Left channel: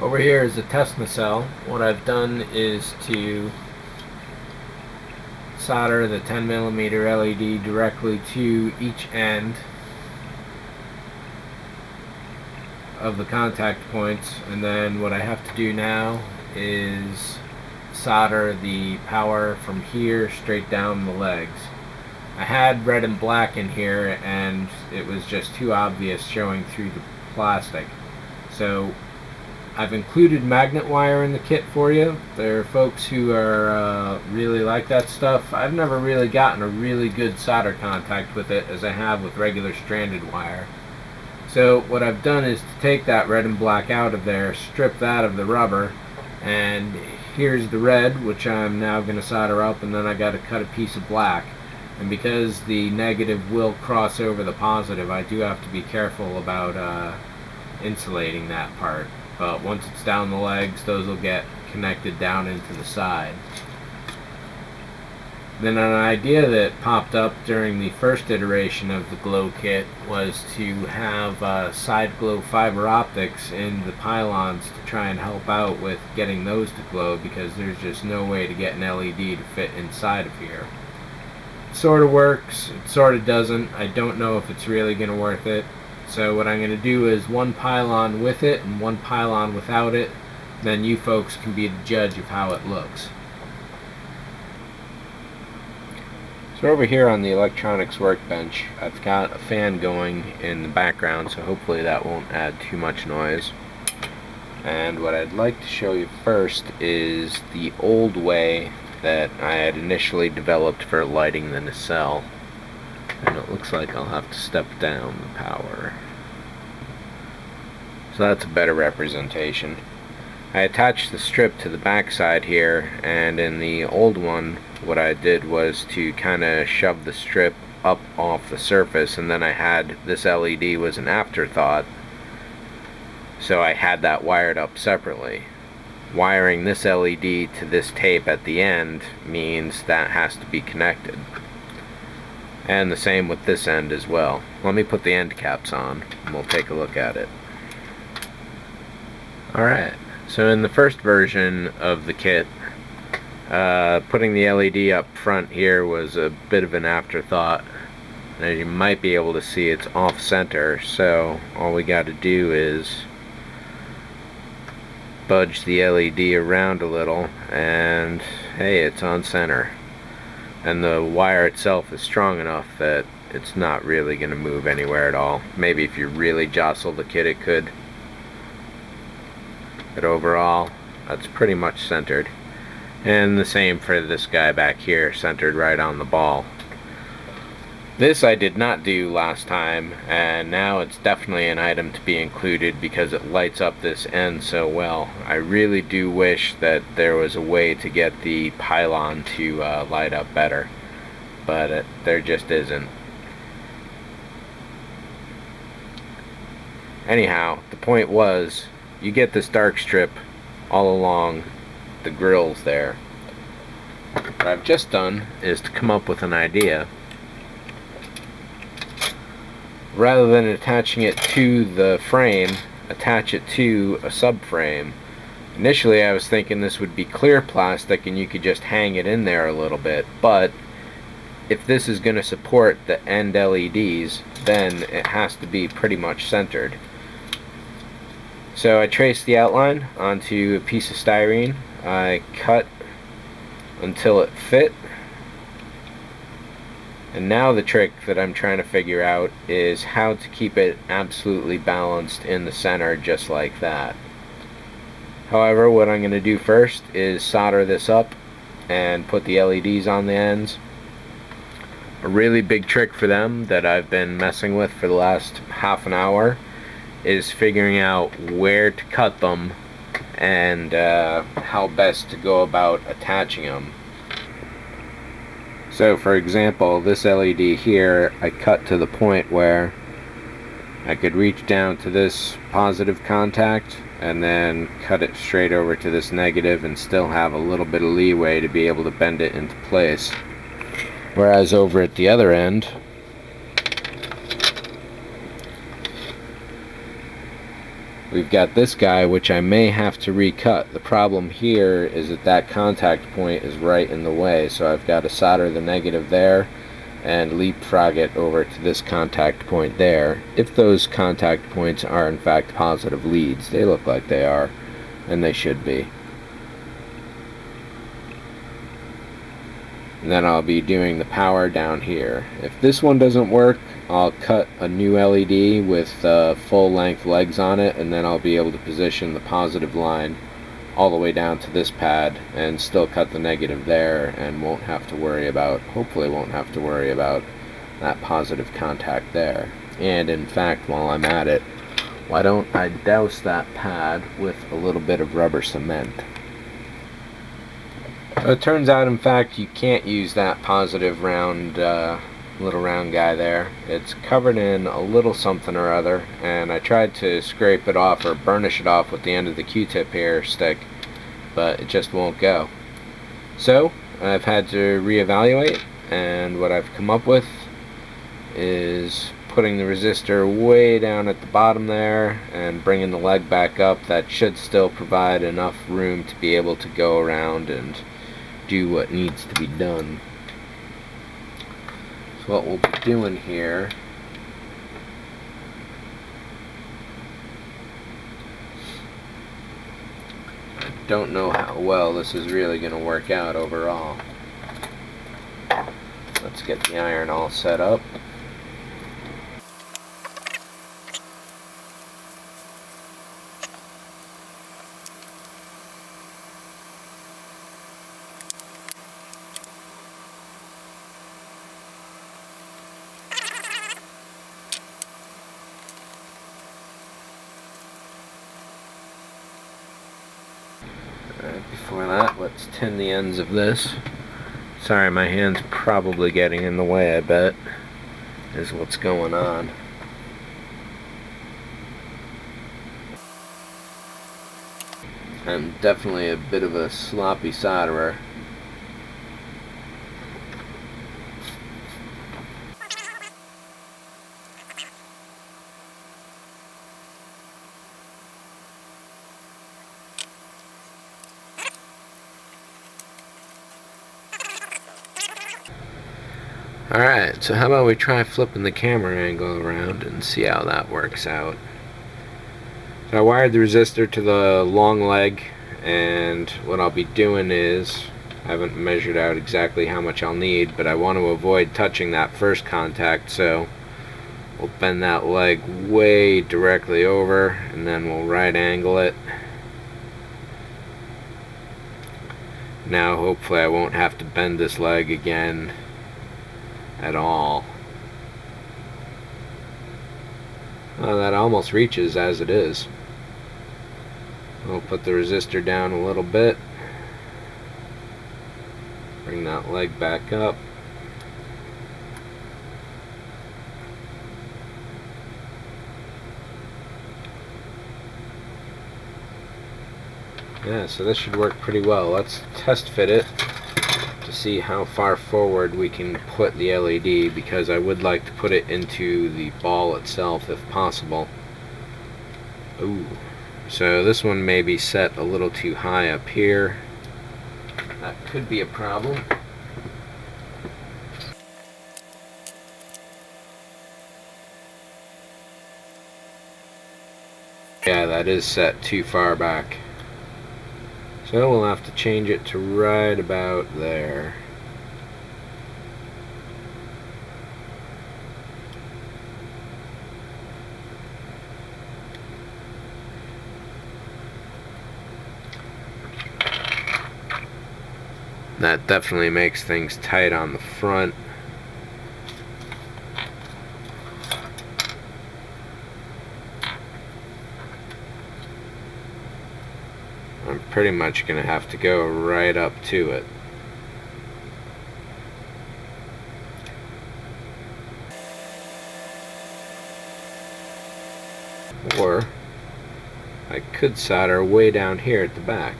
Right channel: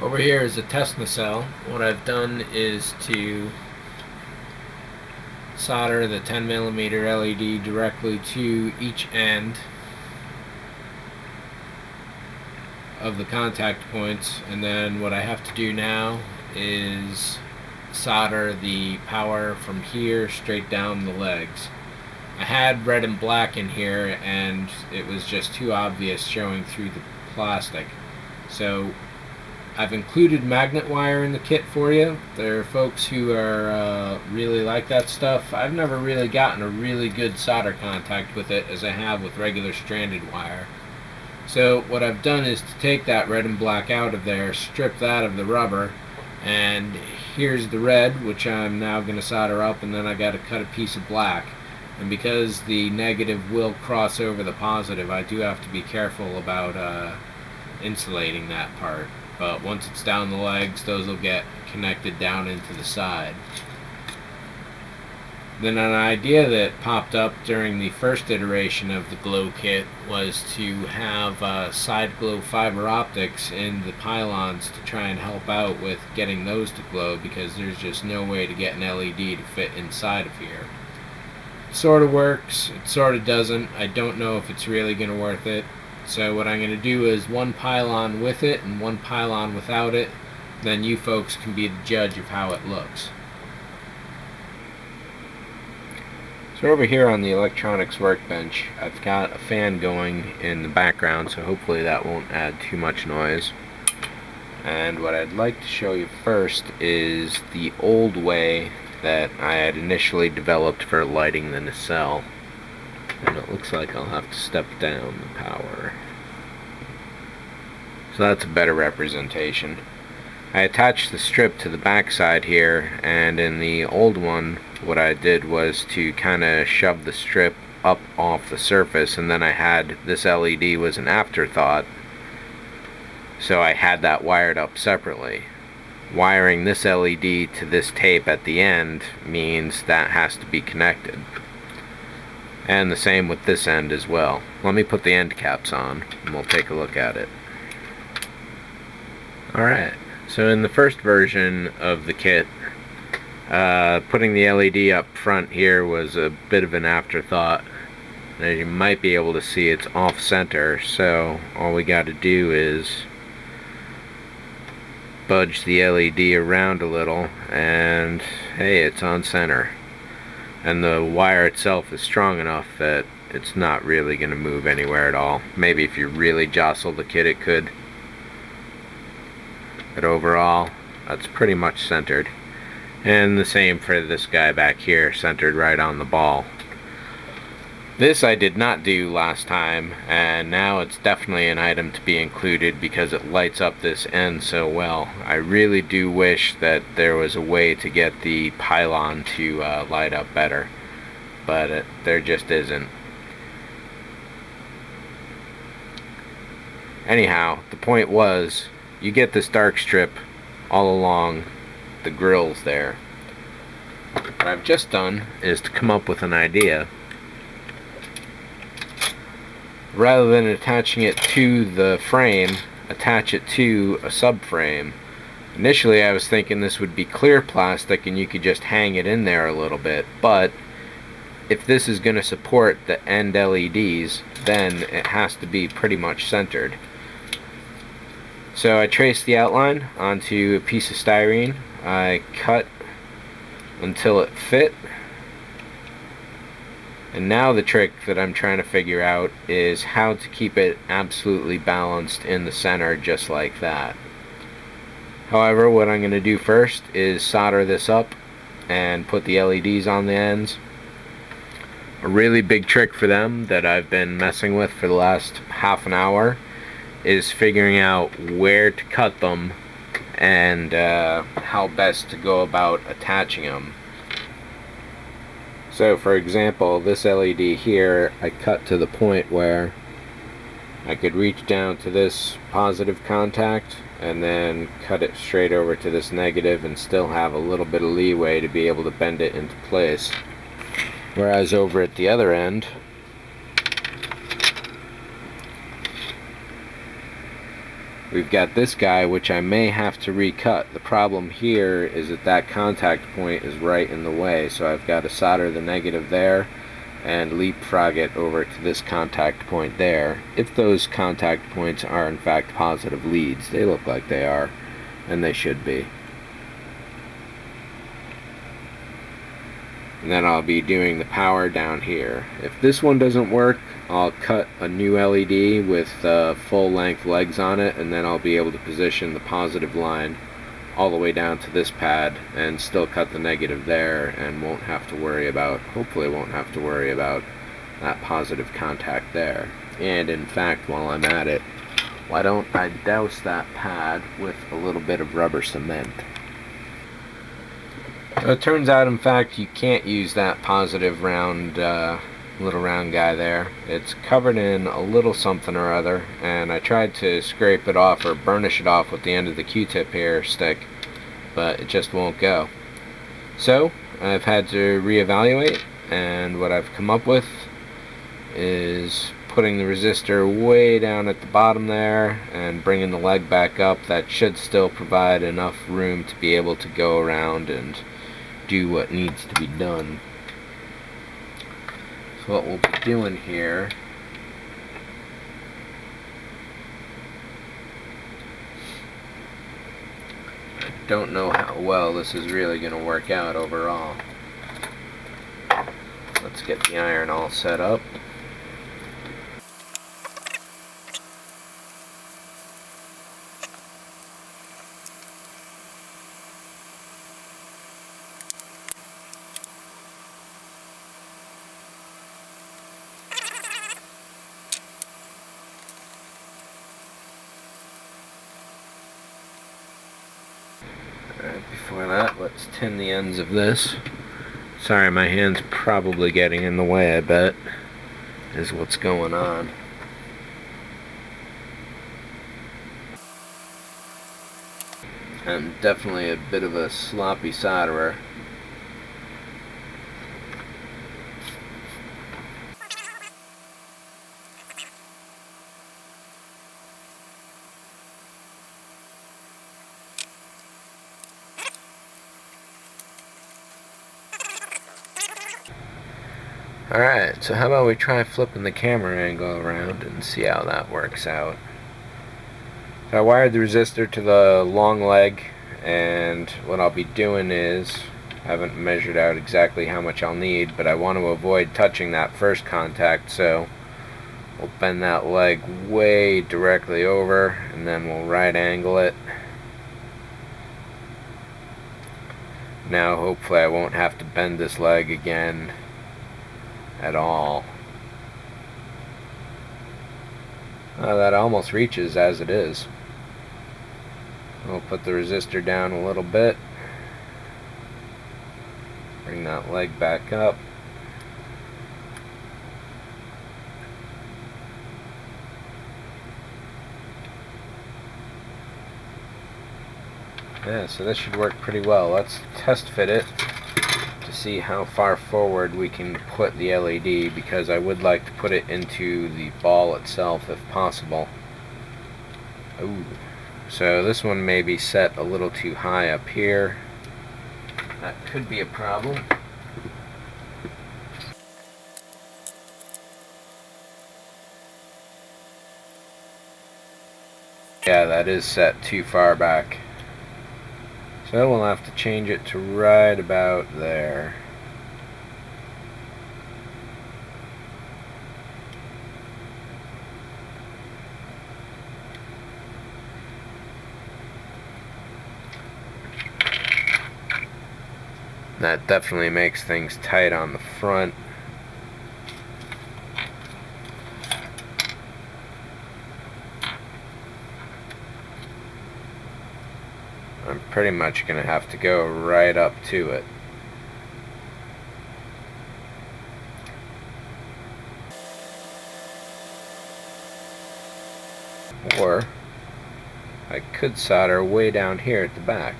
Over here is a test nacelle. What I've done is to solder the 10mm LED directly to each end of the contact points, and then what I have to do now is solder the power from here straight down the legs. I had red and black in here and it was just too obvious showing through the plastic, so I've included magnet wire in the kit for you. There are folks who are really like that stuff. I've never really gotten a really good solder contact with it as I have with regular stranded wire. So what I've done is to take that red and black out of there, strip that of the rubber, and here's the red, which I'm now going to solder up, and then I got to cut a piece of black. And because the negative will cross over the positive, I do have to be careful about insulating that part. But once it's down the legs, those will get connected down into the side. Then an idea that popped up during the first iteration of the glow kit was to have side glow fiber optics in the pylons to try and help out with getting those to glow, because there's just no way to get an LED to fit inside of here. It sort of works, it sort of doesn't. I don't know if it's really going to worth it. So what I'm going to do is one pylon with it and one pylon without it. Then you folks can be the judge of how it looks. So over here on the electronics workbench, I've got a fan going in the background, so hopefully that won't add too much noise. And what I'd like to show you first is the old way that I had initially developed for lighting the nacelle. And it looks like I'll have to step down the power. So that's a better representation. I attached the strip to the back side here, and in the old one what I did was to kind of shove the strip up off the surface, and then I had this LED was an afterthought, so I had that wired up separately. Wiring this LED to this tape at the end means that has to be connected, and the same with this end as well. Let me put the end caps on and we'll take a look at it. Alright, so in the first version of the kit, putting the LED up front here was a bit of an afterthought. As you might be able to see, it's off center, so all we got to do is budge the LED around a little and hey, it's on center. And the wire itself is strong enough that it's not really going to move anywhere at all. Maybe if you really jostle the kit it could, but overall that's pretty much centered. And the same for this guy back here, centered right on the ball. This I did not do last time, and now it's definitely an item to be included because it lights up this end so well. I really do wish that there was a way to get the pylon to light up better, but there just isn't. Anyhow, the point was, you get this dark strip all along the grills there. What I've just done is to come up with an idea. Rather than attaching it to the frame, attach it to a subframe. Initially I was thinking this would be clear plastic and you could just hang it in there a little bit, but if this is going to support the end LEDs, then it has to be pretty much centered. So I traced the outline onto a piece of styrene. I cut until it fit. And now the trick that I'm trying to figure out is how to keep it absolutely balanced in the center, just like that. However, what I'm going to do first is solder this up and put the LEDs on the ends. A really big trick for them that I've been messing with for the last half an hour is figuring out where to cut them and how best to go about attaching them. So for example, this LED here I cut to the point where I could reach down to this positive contact and then cut it straight over to this negative and still have a little bit of leeway to be able to bend it into place. Whereas over at the other end, we've got this guy, which I may have to recut. The problem here is that that contact point is right in the way, so I've got to solder the negative there and leapfrog it over to this contact point there. If those contact points are in fact positive leads, they look like they are, and they should be. And then I'll be doing the power down here. If this one doesn't work, I'll cut a new LED with full length legs on it, and then I'll be able to position the positive line all the way down to this pad and still cut the negative there, and won't have to worry about, hopefully won't have to worry about that positive contact there. And in fact, while I'm at it, why don't I douse that pad with a little bit of rubber cement. It turns out, in fact, you can't use that positive round, little round guy there. It's covered in a little something or other, and I tried to scrape it off or burnish it off with the end of the Q-tip here stick, but it just won't go. So I've had to reevaluate, and what I've come up with is putting the resistor way down at the bottom there and bringing the leg back up. That should still provide enough room to be able to go around and do what needs to be done. So what we'll be doing here I don't know how well this is really going to work out overall. Let's get the iron all set up. Alright, before that, let's tin the ends of this. Sorry, my hand's probably getting in the way, I bet, is what's going on. I'm definitely a bit of a sloppy solderer. Alright, so how about we try flipping the camera angle around and see how that works out. So I wired the resistor to the long leg, and what I'll be doing is, I haven't measured out exactly how much I'll need, but I want to avoid touching that first contact, so we'll bend that leg way directly over, and then we'll right angle it. Now hopefully I won't have to bend this leg again at all. That almost reaches as it is. We'll put the resistor down a little bit, bring that leg back up, yeah, so this should work pretty well. Let's test fit it to see how far forward we can put the LED, because I would like to put it into the ball itself if possible. Ooh. So this one may be set a little too high up here. That could be a problem. Yeah, that is set too far back. So we'll have to change it to right about there. That definitely makes things tight on the front. I'm pretty much going to have to go right up to it. Or I could solder way down here at the back.